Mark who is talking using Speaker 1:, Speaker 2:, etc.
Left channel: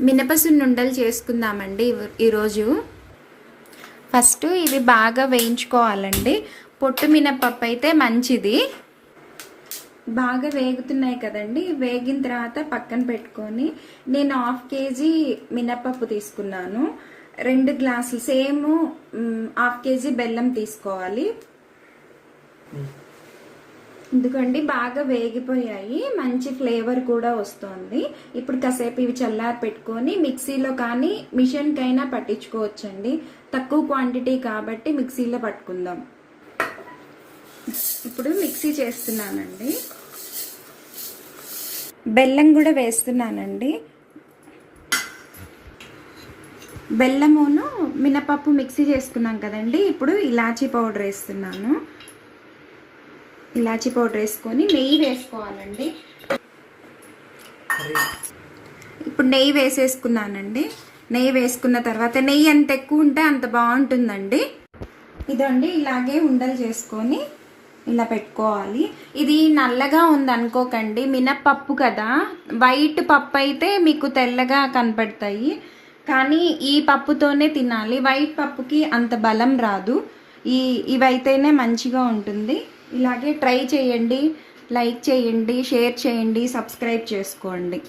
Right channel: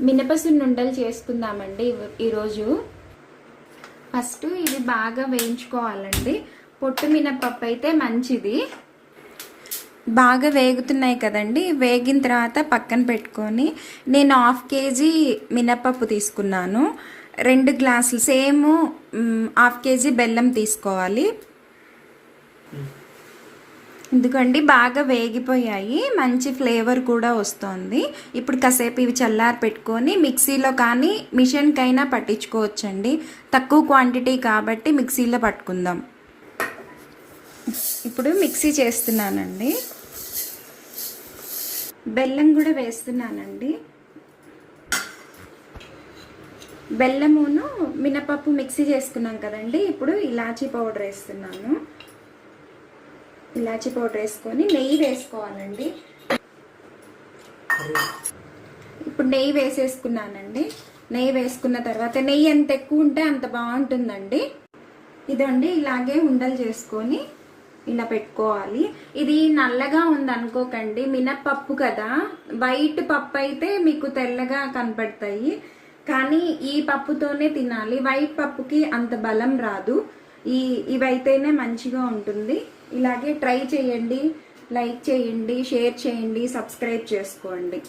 Speaker 1: మినపసున్నుండలు చేసుకుందామండి ఈరోజు. ఫస్ట్ ఇవి బాగా వేయించుకోవాలండి. పొట్టు మినపప్పు అయితే మంచిది. బాగా వేగుతున్నాయి కదండి. వేగిన తర్వాత పక్కన పెట్టుకొని నేను హాఫ్ కేజీ మినపప్పు తీసుకున్నాను. రెండు గ్లాసులు సేమ్ హాఫ్ కేజీ బెల్లం తీసుకోవాలి. ఎందుకండి? బాగా వేగిపోయాయి. మంచి ఫ్లేవర్ కూడా వస్తుంది. ఇప్పుడు కాసేపు ఇవి చల్లారి పెట్టుకొని మిక్సీలో కానీ మిషన్కైనా పట్టించుకోవచ్చండి. తక్కువ క్వాంటిటీ కాబట్టి మిక్సీలో పట్టుకుందాం. ఇప్పుడు మిక్సీ చేస్తున్నానండి. బెల్లం కూడా వేస్తున్నానండి. బెల్లమును మినపప్పు మిక్సీ చేసుకున్నాం కదండి. ఇప్పుడు ఇలాచీ పౌడర్ వేస్తున్నాను. ఇలాచీ పౌడర్ వేసుకొని నెయ్యి వేసుకోవాలండి. ఇప్పుడు నెయ్యి వేసేసుకున్నానండి. నెయ్యి వేసుకున్న తర్వాత నెయ్యి ఎంత ఎక్కువ ఉంటే అంత బాగుంటుందండి. ఇదండి ఇలాగే ఉండలు చేసుకొని ఇలా పెట్టుకోవాలి. ఇది నల్లగా ఉంది అనుకోకండి. మినప్పప్పు కదా. వైట్ పప్పు అయితే మీకు తెల్లగా కనపడతాయి. కానీ ఈ పప్పుతోనే తినాలి. వైట్ పప్పుకి అంత బలం రాదు. ఈ ఇవైతేనే మంచిగా ఉంటుంది. ఇలాగే ట్రై చేయండి లైక్ చేయండి షేర్ చేయండి సబ్స్క్రైబ్ చేసుకోండి.